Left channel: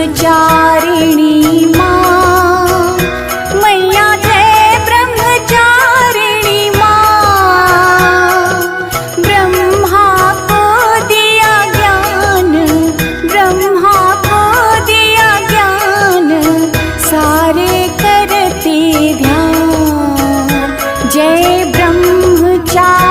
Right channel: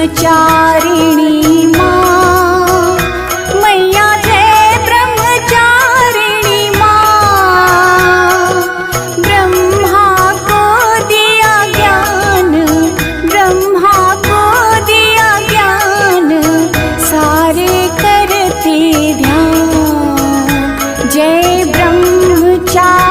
ब्रह्मचारिणी माँ, मैया जय ब्रह्मचारिणी माँ। ब्रह्मा को दिया ज्ञान, ब्रह्मा को दिया ज्ञान, सारे करते ध्यान। जय ब्रह्मचारिणी